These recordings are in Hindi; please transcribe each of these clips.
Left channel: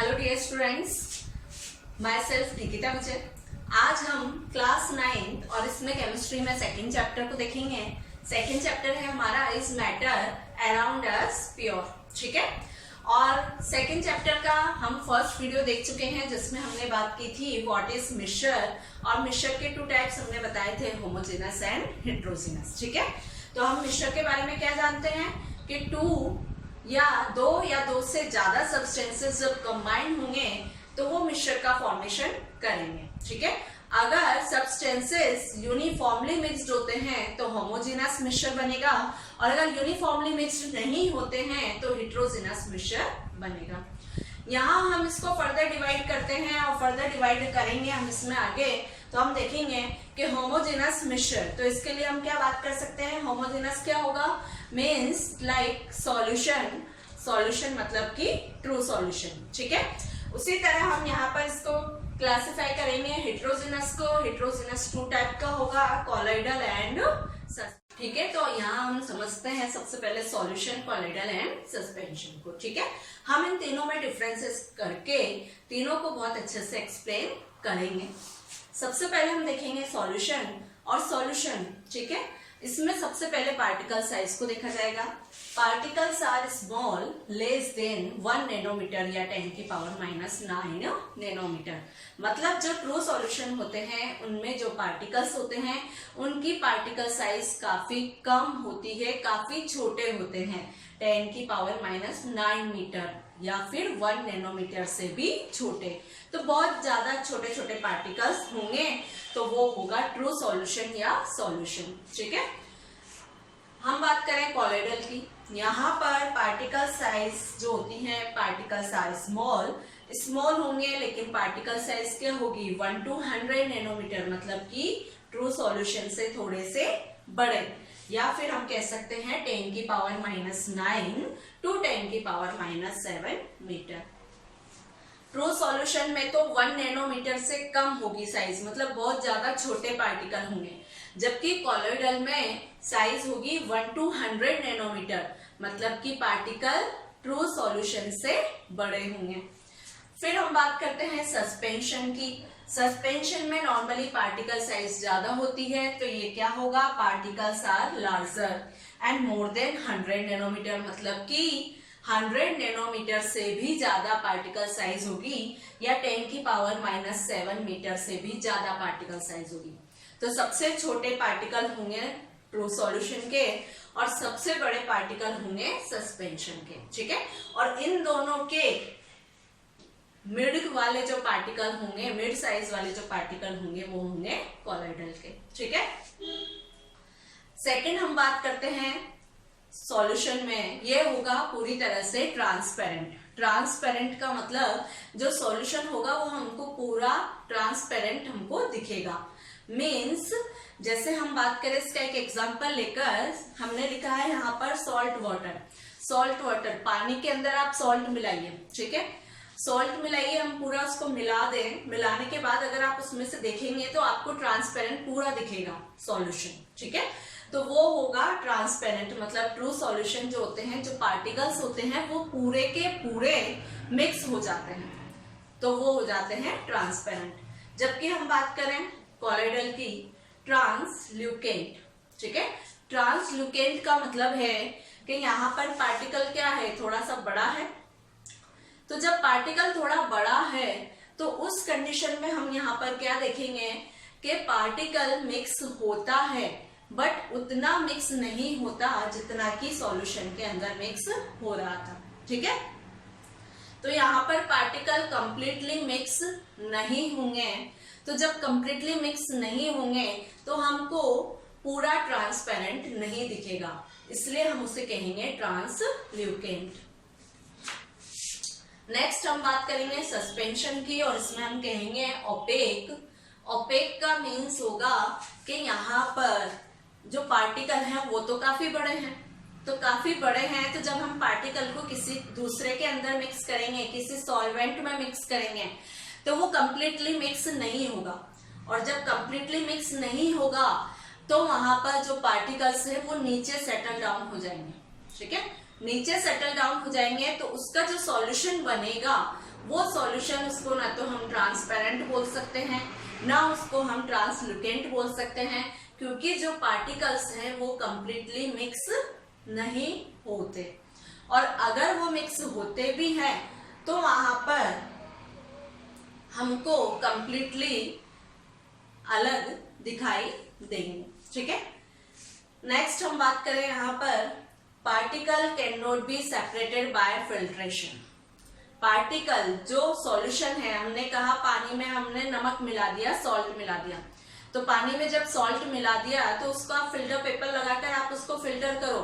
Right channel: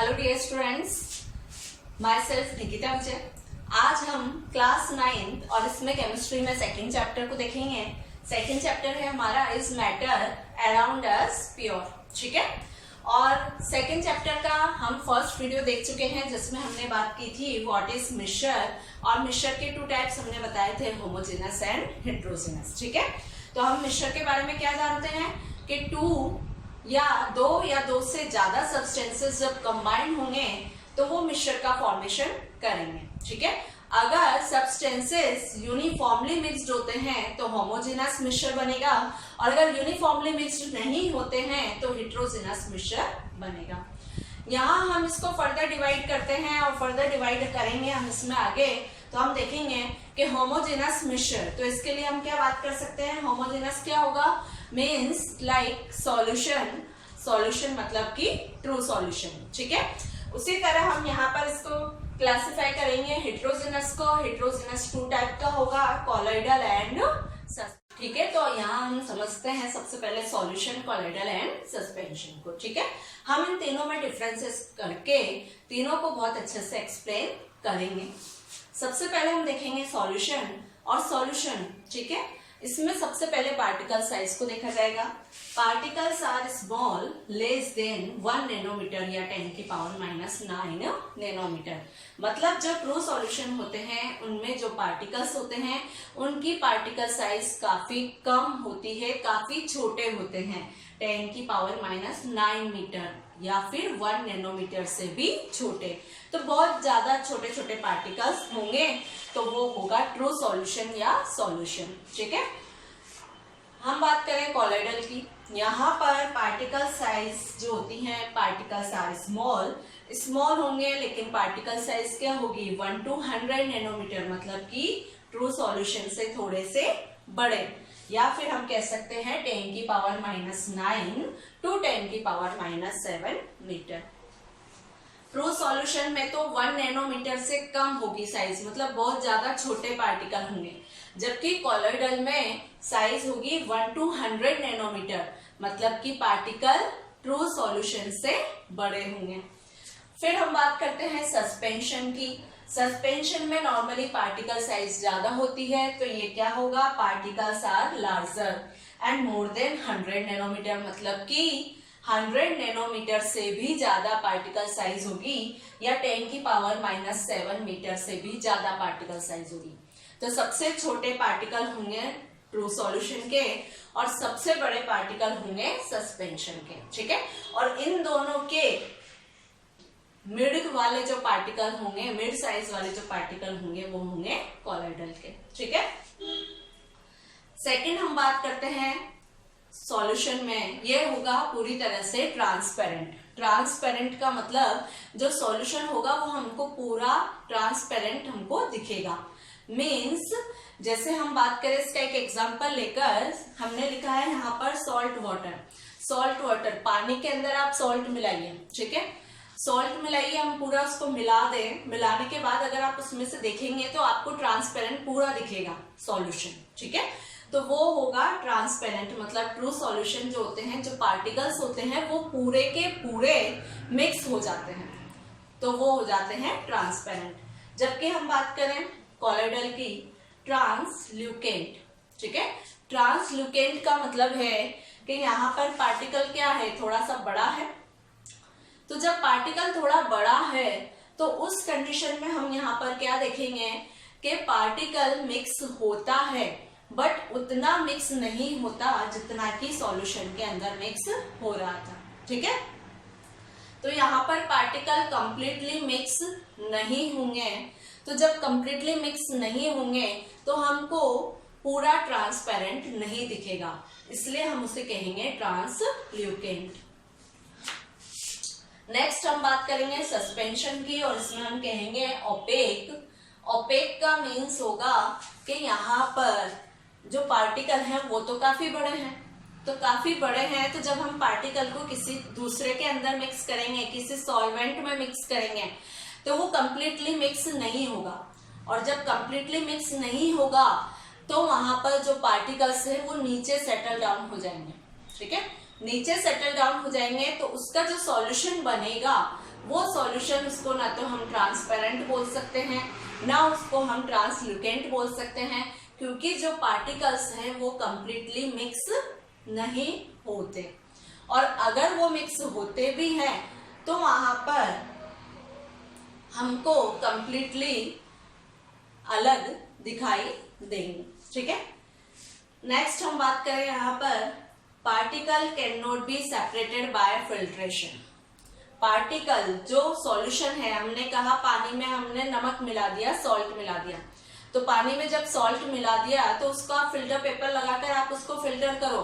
Hello dear students, myself Nikita Vijay. आज हम क्लास 9 और इसमें केमिस्ट्री में सेकेंड चैप्टर को देखेंगे। सेकेंड चैप्टर है हमारा is matter around us pure, ठीक है। और सेकेंड चैप्टर का हम फर्स्ट वीडियो देख चुके हैं जिसमें हमने बात की थी व्हाट इज मिक्सचर, और मिक्सचर के टू टाइप्स हमने बताए थे, होमोजेनस एंड हेट्रोजेनस, ठीक है। तो हम मिक्सचर के बारे में क्या जानते हैं कि दो या दो से ज्यादा सब्सटेंसेस जब कंबाइन होंगे तो वो मिक्सचर का फॉर्मेशन करेंगे, ठीक है। अगर सब्सटेंसेस यूनिफॉर्मली मिक्स्ड होते हैं तो होमोजेनस मिक्सचर बनेगा, और अगर यूनिफॉर्मली मिक्स्ड नहीं होते हैं तो हेट्रोजेनस मिक्सचर बनेगा। यहाँ हम इसको फर्दर डिवाइड करते हैं और फर्दर डिवाइड करेंगे हम इसमें आगे, तो हम देखेंगे कि होमोजेनस मिक्सचर, तो इसके लिए हम क्या बात कर सकते हैं। होमोजेनस क्या होगा, मीन्स लाइक सॉल्यूशन मतलब कि ट्रू सॉल्यूशन, ठीक है। उसी तरह हम यहाँ पर इसको क्लासिफाई करेंगे हेट्रोजेनस को। हेट्रोजेनस टू टाइप का होगा, कॉलॉइडल एंड सस्पेंशन, ठीक है। तो यहाँ हम समझते हैं सबसे पहले सॉल्यूशन, कॉलॉइडल एंड सस्पेंशन को, ठीक है। हम इन तीनों में डिफरेंसेस करके तीनों को बहुत अच्छे से एक्सप्लेन करेंगे। सबसे पहले हम देखेंगे सॉल्यूशन और सॉल्यूशन, ठीक है। इसमें सबसे पहले पार्टिकल साइज को देखा जाएगा। Particles are small less than 1 nanometre या 10⁻⁹ नैनोमीटर। मतलब जो ट्रू सॉल्यूशन होते हैं उनमें जो पार्टिकल्स होते हैं उनकी पार्टिकल साइज काफी कम होती है, काफी छोटे होते हैं, 10⁻⁹ मीटर या फिर 1 नैनोमीटर से भी छोटे। तो बहुत ज्यादा छोटे छोटे पार्टिकल्स होंगे तो वो होगा ट्रू सॉल्यूशन या सॉल्यूशन, ठीक है। हम बात करें कॉलॉइडल की। यहाँ पर पार्टिकल साइज जो होती है, पार्टिकल साइज स्मॉल होंगे, लेकिन पार्टिकल साइज क्या होगी 1 to 100 नैनोमीटर, मतलब कि ट्रू सॉल्यूशन से थोड़े से बड़े, या फिर हम कह सकते हैं 10⁻⁹ to 10⁻⁷ मीटर। ट्रू सॉल्यूशन में तो 1 नैनोमीटर से कम होगी साइज, मतलब बहुत ज्यादा छोटे पार्टिकल होंगे, जबकि कॉलॉइडल में साइज होगी 1 to 100 नैनोमीटर, मतलब कि पार्टिकल ट्रू सॉल्यूशन से बड़े होंगे। फिर हम बात करते हैं सस्पेंशन की। सस्पेंशन में नॉर्मली पार्टिकल साइज ज्यादा होती है, तो ये क्या होगा, particles are larger and more than 100 nanometre, मतलब कि 100 नैनोमीटर से भी ज्यादा पार्टिकल साइज होगी, या 10⁻⁷ मीटर से भी ज्यादा पार्टिकल साइज होगी। तो सबसे छोटे पार्टिकल होंगे ट्रू सॉल्यूशन के और सबसे बड़े पार्टिकल होंगे सस्पेंशन के, ठीक है। और इन दोनों के मिड वाले जो पार्टिकल होंगे, मिड साइज वाले जो पार्टिकल होंगे वो होंगे कॉलॉइडल के, ठीक है। सेकंड हम बात करते हैं सॉल्यूशन में, ये होगा पूरी तरह से ट्रांसपेरेंट। ट्रांसपेरेंट का मतलब जो सॉल्यूशन होगा वो हमको पूरा ट्रांसपेरेंट हमको दिखेगा। मीन्स जैसे हम बात करें, इसका एक एग्जांपल लेकर हमने लिखा है यहाँ पर सॉल्ट वाटर, पानी के अंदर आप सॉल्ट मिलाइए, ठीक है। सॉल्ट मिलाइए, हम पूरा उसको मिला दें, मिलाने के बाद अगर आप उसमें से देखेंगे तो आपको ट्रांसपेरेंट पूरा दिखेगा सॉल्यूशन, ठीक है। तो वो होगा ट्रांसपेरेंट, मतलब ट्रू सॉल्यूशन जो होते हैं, जो पार्टिकल्स होते हैं वो पूरे के पूरे मिक्स हो जाते हैं, तो वो हो जाते हैं ट्रांसपेरेंट। जबकि हम बात करें कॉलॉइडल की, ट्रांसल्यूकेंट, ठीक है। ट्रांसल्यूकेंट का मतलब है कि यहाँ पर पार्टिकल क्या है, थोड़ा सा बड़ा है। तो जब पार्टिकल थोड़ा बड़ा है तो उस कंडीशन में हम यहाँ पर क्या देखेंगे कि पार्टिकल मिक्स होता है, बट उतना मिक्स नहीं होता जितना कि सॉल्यूशन के अंदर मिक्स हो रहा था, ठीक है। तो यहाँ पर पार्टिकल कंप्लीटली मिक्स नहीं होंगे, तो जब कंप्लीटली मिक्स नहीं होंगे तो हमको पूरा ट्रांसपेरेंट नहीं दिखेगा, इसलिए हम उसे कहेंगे ट्रांसल्यूकेंट। नेक्स्ट हम बात करेंगे सस्पेंशन की, और इसमें हम कहेंगे ओपेक। ओपेक का मीन्स होगा कि यहाँ पर जो पार्टिकल हैं वो तो काफी बड़े हैं, तो जब हम पार्टिकल को किसी दूसरे के अंदर मिक्स करेंगे, किसी सॉल्वेंट में मिक्स करेंगे, तो वो कंप्लीटली मिक्स नहीं होगा, और जब कंप्लीटली मिक्स नहीं होगा तो वहां पर जो पार्टिकल्स हैं वो नीचे सेटल डाउन हो जाएंगे, ठीक है। नीचे सेटल डाउन हो जाएंगे तो उसका जो सॉल्यूशन बनेगा वो सॉल्यूशन उसको ना तो हम ट्रांसपेरेंट बोल सकते हैं, ना उसको हम ट्रांसल्यूटेंट बोल सकते हैं, क्योंकि जो पार्टिकल्स हैं वो कंप्लीटली मिक्स नहीं होते। और अगर वो मिक्स होते भी हैं तो वहां पर हमको कंप्लीटली अलग दिखाई देंगे। ठीक है, नेक्स्ट हम बात करें यहाँ पर particle can not be separated by filtration. Particle जो सॉल्यूशन है, हमने कहा पानी में हमने नमक मिला दिया, सॉल्ट मिला दिया, तो पानी में जब सॉल्ट मिला दिया तो उसको आप फिल्टर पेपर लगाकर आप उसको फिल्टर करो,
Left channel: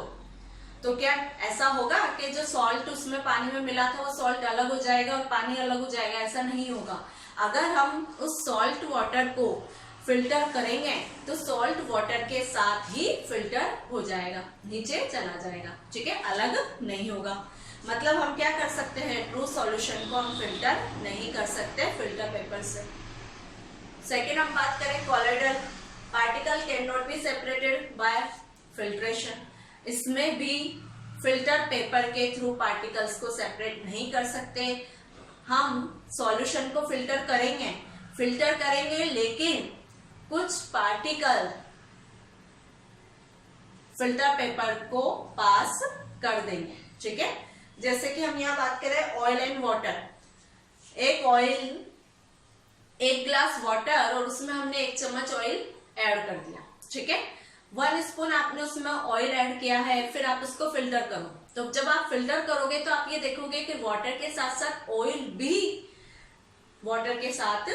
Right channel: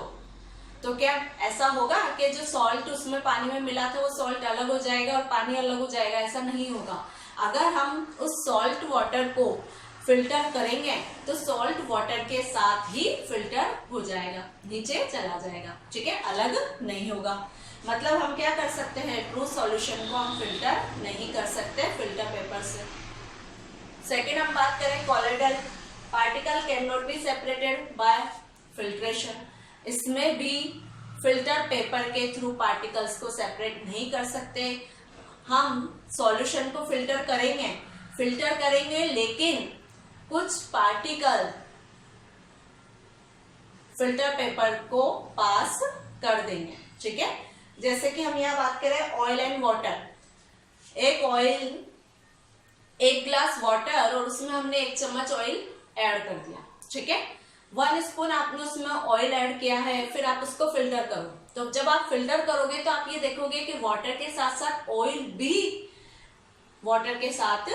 तो क्या ऐसा होगा कि जो सॉल्ट उसमें पानी में मिला था वो सॉल्ट अलग हो जाएगा और पानी अलग हो जाएगा? ऐसा नहीं होगा। अगर हम उस सॉल्ट वाटर को फिल्टर करेंगे तो सॉल्ट वाटर के साथ ही फिल्टर हो जाएगा, नीचे चला जाएगा। ठीक है, अलग नहीं होगा। मतलब हम क्या कर सकते हैं, ट्रू सॉल्यूशन को हम फिल्टर नहीं कर सकते फिल्टर पेपर से। सेकेंड हम बात करें colloidal, particle can not be separated by filtration. इसमें भी फिल्टर पेपर के थ्रू पार्टिकल्स को सेपरेट नहीं कर सकते। हम सॉल्यूशन को फिल्टर करेंगे लेकिन कुछ पार्टिकल फिल्टर पेपर को पास कर देंगे। ठीक है, जैसे कि हम यहाँ बात करें ऑयल एंड वाटर। एक ऑयल, एक ग्लास वाटर और उसमें हमने 1 चम्मच ऑयल ऐड कर दिया। ठीक है, 1 स्पून आपने उसमें ऑयल ऐड किया है, फिर आप उसको फिल्टर करो। तो जब आप फिल्टर करोगे तो आप ये देखोगे कि वाटर के साथ साथ ऑयल भी वाटर के साथ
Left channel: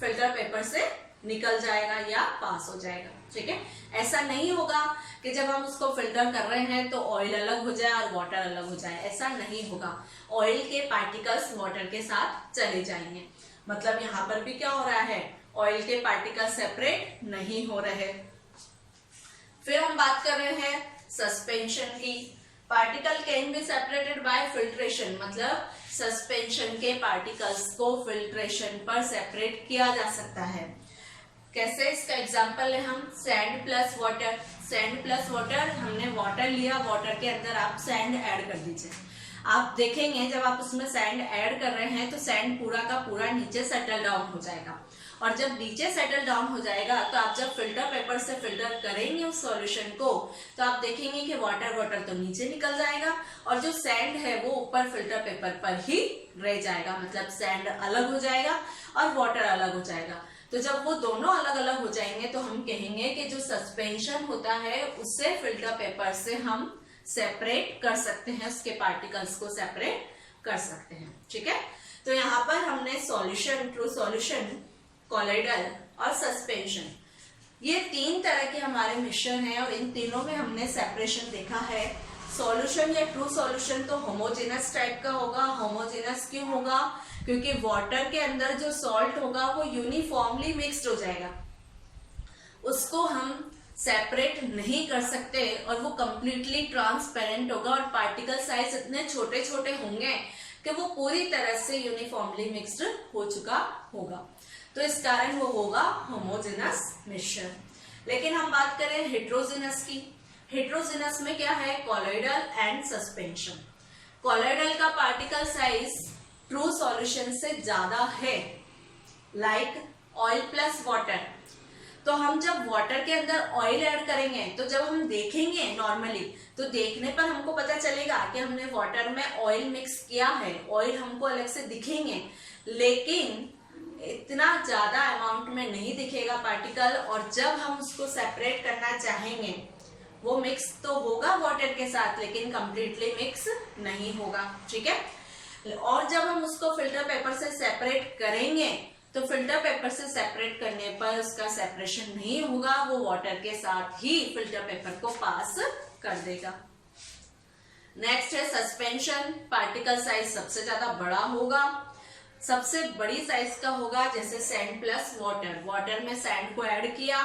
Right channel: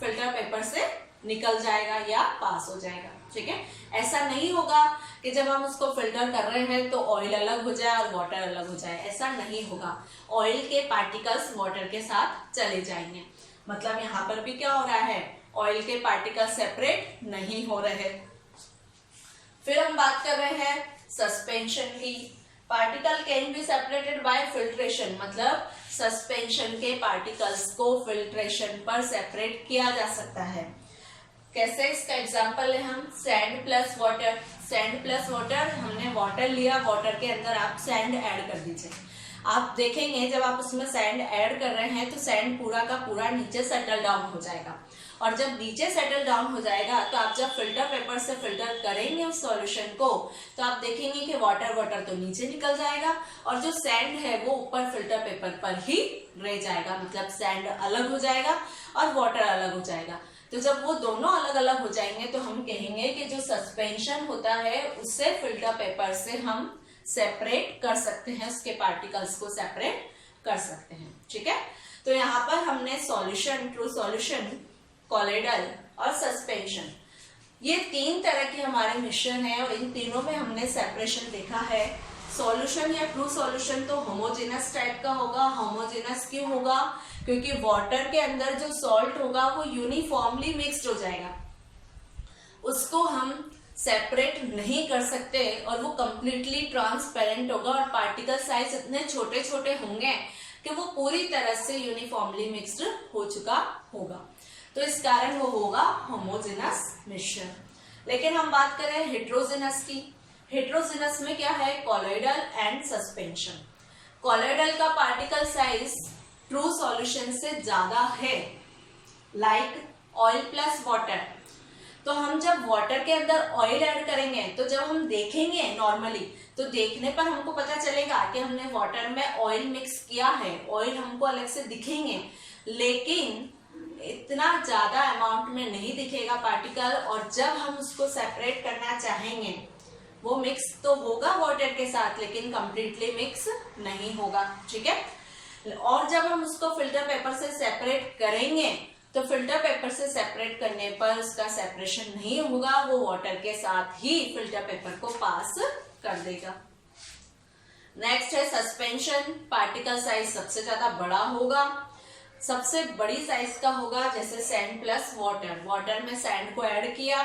फिल्टर पेपर से निकल जाएगा या पास हो जाएगा। ठीक है, ऐसा नहीं होगा कि जब हम उसको फिल्टर कर रहे हैं तो ऑयल अलग हो जाए और वाटर अलग हो जाए, ऐसा नहीं होगा। ऑयल के पार्टिकल्स वाटर के साथ चले जाएंगे। मतलब यहाँ पर भी क्या हो रहा है, ऑयल के पार्टिकल्स सेपरेट नहीं हो रहे। फिर हम बात कर रहे हैं सस्पेंशन की। Particle can be separated by filtration, मतलब सस्पेंशन के पार्टिकल्स को फिल्ट्रेशन पर सेपरेट किया जा सकता है। कैसे, इसका एग्जांपल है हम sand plus water. Sand plus water, हमने वाटर लिया, वाटर के अंदर आप सैंड ऐड कर दीजिए। आप देखेंगे जब आप उसमें सैंड ऐड कर रहे हैं तो सैंड पूरा का पूरा नीचे सेटल डाउन हो जाएगा, और जब नीचे सेटल डाउन हो जाएगा तो आप जब फिल्टर पेपर से फिल्टर करेंगे उस सॉल्यूशन को तो आप देखेंगे कि वाटर तो नीचे निकल जाएगा और जो सैंड है वो ऊपर फिल्टर पेपर पर ही रह जाएगा। मतलब सैंड अलग हो जाएगा और वाटर अलग हो जाएगा। तो जब वो दोनों अलग अलग हो जाएंगे तो हम कहेंगे कि जो सस्पेंशन होता है उससे फिल्टर पेपर से हम सेपरेट कर सकते हैं, उसके पार्टिकल्स को सेपरेट कर सकते हैं। ठीक है, तो यहाँ पर हमने सॉल्यूशन, ट्रू सॉल्यूशन, कॉलोइडल और सस्पेंशन, ये 3 तरह के हमारे मिश्रण हैं और इन तीनों में हमने सेपरेशन देखा है। सॉल्यूशन या ट्रू सॉल्यूशन तो होमोजेनस टाइप का होगा। होमोजेनस क्यों होगा? क्योंकि वाटर के अंदर जो सॉल्ट होगा वो यूनिफॉर्मली मिक्स्ड हो जाएगा, उसको हम सेपरेट नहीं कर सकते और वो कंप्लीटली ट्रांसपेरेंट होगा और पार्टिकल साइज इतने छोटे छोटे होंगे कि वो पूरी तरह से यूनिफॉर्मली मिक्स्ड हो चुका होगा, तो इस कारण वो होगा होमोजेनस मिश्रण। लेकिन हम बात करें हेट्रोजेनस की। हेट्रोजेनस में क्या है, कॉलोइडल एंड सस्पेंशन। कॉलोइडल का पार्टिकल साइज ट्रू सॉल्यूशन से ज्यादा है, लाइक ऑयल प्लस वाटर। तो हम जब वाटर के अंदर ऑयल ऐड करेंगे तो जब हम देखेंगे नॉर्मली तो देखने पर हमको पता चलेगा कि हमने वाटर में ऑयल मिक्स किया है, ऑयल हमको अलग से दिखेंगे, लेकिन इतना ज्यादा अमाउंट में नहीं दिखेगा पार्टिकल। और जब हम उसको सेपरेट करना चाहेंगे वो मिक्स तो होगा वाटर के साथ लेकिन कंप्लीटली मिक्स नहीं होगा। ठीक है, और जब हम उसको फिल्टर पेपर से सेपरेट करेंगे तो फिल्टर पेपर से सेपरेट करने पर उसका सेपरेशन नहीं होगा, वो वाटर के साथ ही फिल्टर पेपर को पास कर देगा। नेक्स्ट है सस्पेंशन। पार्टिकल साइज सबसे ज्यादा बड़ा होगा, सबसे बड़ी साइज का होगा जैसे सैंड प्लस वाटर। वाटर में सैंड को ऐड किया,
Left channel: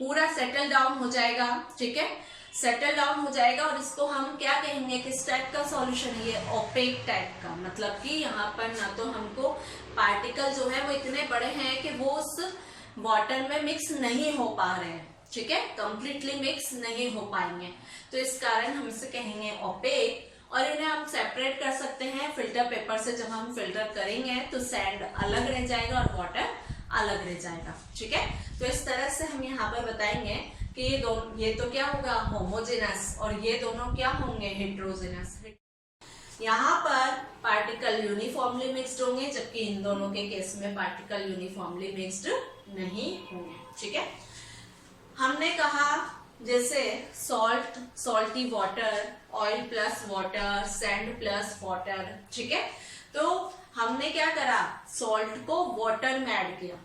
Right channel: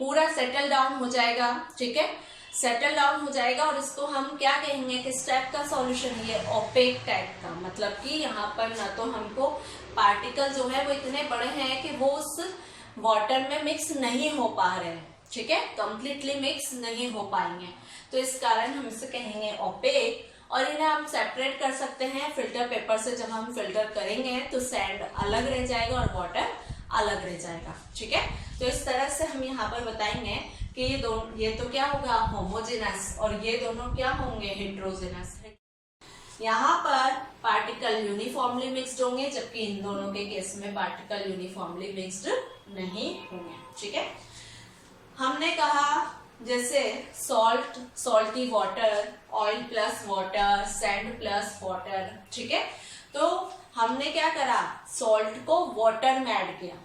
पूरा सेटल डाउन हो जाएगा। ठीक है, सेटल डाउन हो जाएगा और इसको हम क्या कहेंगे, किस टाइप का सॉल्यूशन है ये, ओपेक टाइप का। मतलब कि यहाँ पर ना तो हमको पार्टिकल जो है वो इतने बड़े हैं कि वो उस वाटर में मिक्स नहीं हो पा रहे हैं। ठीक है, कंप्लीटली मिक्स नहीं हो पाएंगे, तो इस कारण हम इसे कहेंगे ओपेक। और इन्हें हम सेपरेट कर सकते हैं फिल्टर पेपर से। जब हम फिल्टर करेंगे तो सैंड अलग रह जाएगा और वाटर अलग रह जाएगा, ठीक है। तो इस तरह से हम यहाँ पर बताएंगे कि ये तो क्या होगा होमोजेनस और ये दोनों क्या होंगे हेट्रोजेनस। यहाँ पर पार्टिकल यूनिफॉर्मली मिक्स्ड होंगे, जबकि इन दोनों के केस में पार्टिकल यूनिफॉर्मली मिक्स्ड नहीं होंगे, ठीक है। हमने कहा जैसे salty water, oil plus water, sand plus water, ठीक है। तो हमने क्या करा, सॉल्ट को वाटर में ऐड किया,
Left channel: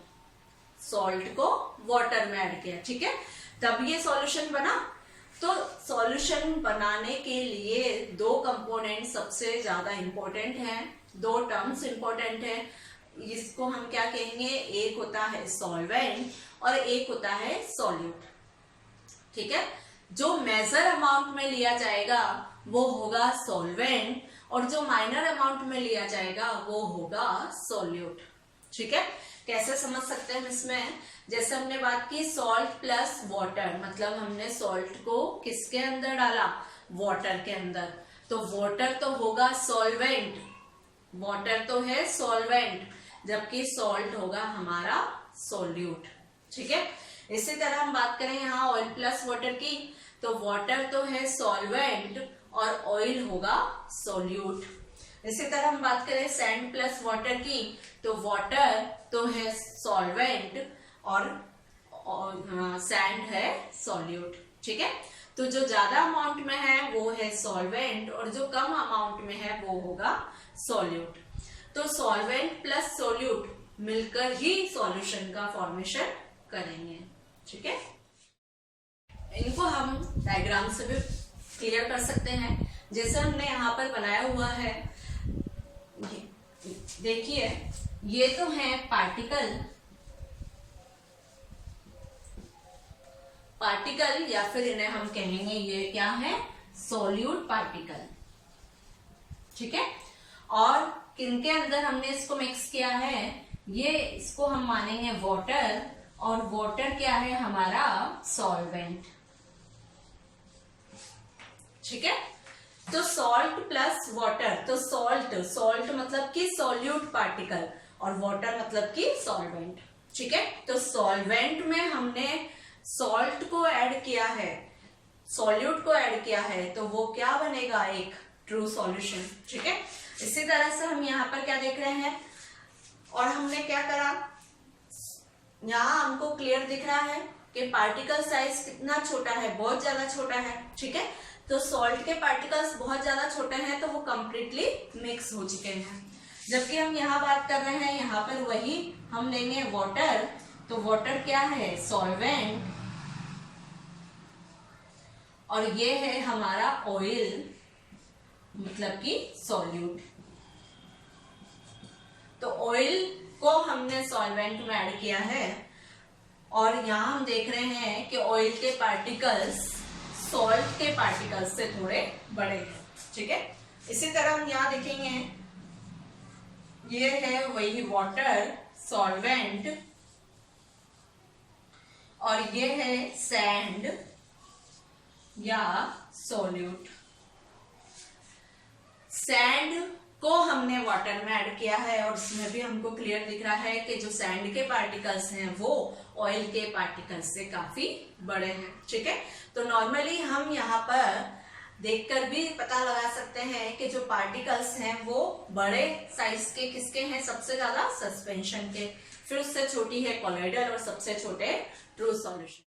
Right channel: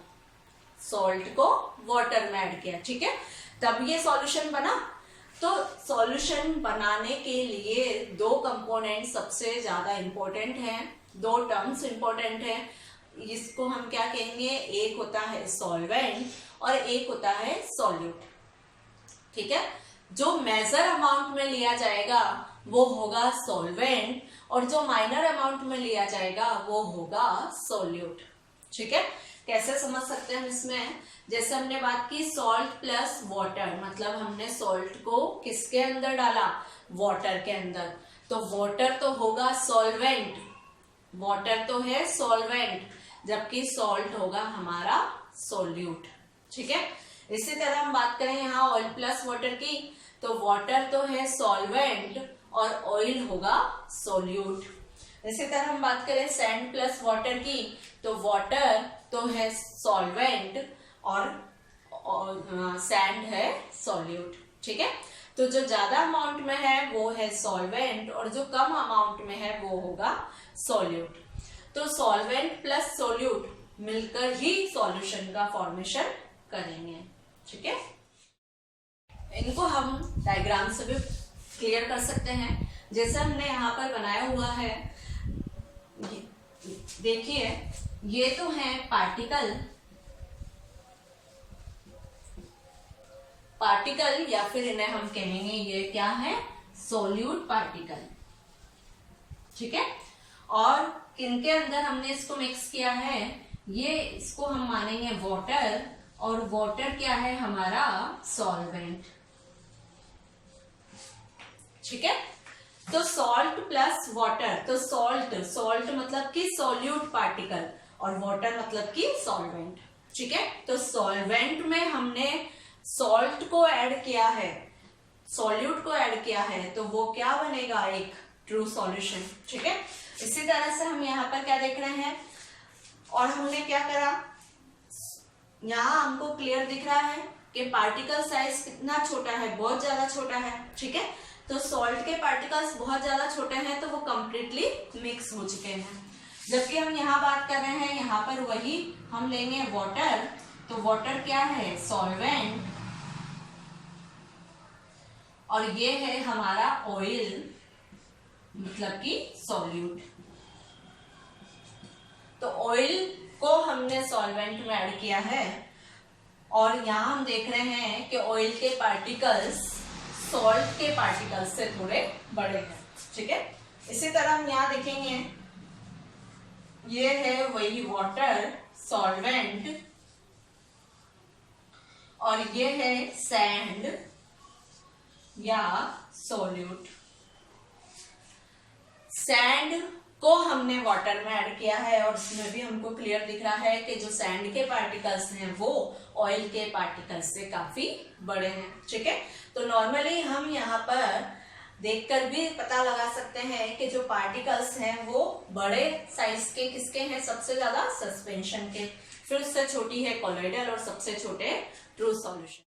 सॉल्ट को वाटर में ऐड किया, ठीक है, तब ये सॉल्यूशन बना। तो सॉल्यूशन बनाने के लिए दो कंपोनेंट सबसे ज्यादा इंपॉर्टेंट हैं, दो टर्म्स इंपॉर्टेंट हैं। इसको हम क्या कहेंगे, एक होता है सॉल्वेंट और एक होता है सॉल्यूट, ठीक है। जो मेजर अमाउंट में लिया जाएगा वो होगा सॉल्वेंट और जो माइनर अमाउंट में लिया जाएगा वो होगा सॉल्यूट, ठीक है। कैसे समझ सकते हैं हम इसमें, जैसे हमने बात की सॉल्ट प्लस वाटर, मतलब हमने सॉल्ट को किसके अंदर डाला, वाटर के अंदर, तो वाटर तो होगा सॉल्वेंट, वाटर तो है सॉल्वेंट, जबकि सॉल्ट होगा हमारा सॉल्यूट, ठीक है। इसी तरह हम बात करें यहाँ ऑयल प्लस वाटर की, तो वाटर तो है सॉल्वेंट और ऑयल होगा सॉल्यूट। इसी तरह हम बात करें सैंड प्लस वाटर की, तो वाटर तो है सॉल्वेंट और सैंड है सॉल्यूट, ठीक है। तो जो ज्यादा अमाउंट में है वो है सॉल्वेंट और जो कम अमाउंट में है वो होगा सॉल्यूट। तो सॉल्वेंट प्लस सॉल्यूट मिलकर ही सॉल्यूशन का फॉर्मेशन करेंगे, ठीक है। इनको हम डायग्राम से भी क्लियर कर सकते हैं, जैसे हमने यहाँ पर बनाया हुआ है, देखिए ये तो है पार्टिकल या फिर इन्हें हम कहेंगे ये क्या है, सोल्यूट पार्टिकल, ठीक है। और किनके अंदर हमने इसको मिक्स किया है, ये इसको हम मानेंगे वाटर और वाटर क्या है हमारा सॉल्वेंट, ठीक है। तो सॉल्ट प्लस वाटर, तो सॉल्ट मतलब कि सॉल्यूट पार्टिकल और वाटर मतलब कि सॉल्वेंट, ठीक है। तो सॉल्वेंट में हमने सॉल्ट को ऐड किया है, सॉल्यूट को ऐड किया है, तो वो क्या बनेगा, एक ट्रू सॉल्यूशन, ठीक है। इसी तरह से हम यहाँ पर क्या देख रहे हैं, और हमने क्या करा, यहाँ हमको क्लियर दिख रहा है कि पार्टिकल साइज कितना छोटा है, बहुत ज्यादा छोटा है, ठीक है। तो सॉल्ट के पार्टिकल्स बहुत ज्यादा छोटे हैं तो वो कंप्लीटली मिक्स हो चुके हैं, जबकि हम यहाँ बात कर रहे हैं, यहाँ पर वही हम लेंगे वाटर, तो वाटर क्या है सॉल्वेंट और ये है हमारा ऑयल मतलब कि सॉल्यूट। तो ऑयल को हमने सॉल्वेंट में ऐड किया है और यहाँ हम देख रहे हैं कि ऑयल के पार्टिकल्स सॉल्ट के पार्टिकल्स से थोड़े बड़े हैं, ठीक है। इसी तरह हम यहाँ देखेंगे, ये है वही वाटर सॉल्वेंट और ये है सैंड या सॉल्यूट। सैंड को हमने वाटर में ऐड किया है और उसमें भी हमको क्लियर दिख रहा है कि जो सैंड के पार्टिकल्स हैं वो ऑयल के पार्टिकल्स से काफी बड़े हैं, ठीक है। तो नॉर्मली हम यहाँ पर देखकर भी पता लगा सकते हैं कि जो पार्टिकल्स हैं वो बड़े साइज के किसके हैं, सबसे ज्यादा सस्पेंशन के, फिर उससे छोटी है कॉलोइडल और सबसे छोटे ट्रू सॉल्यूशन।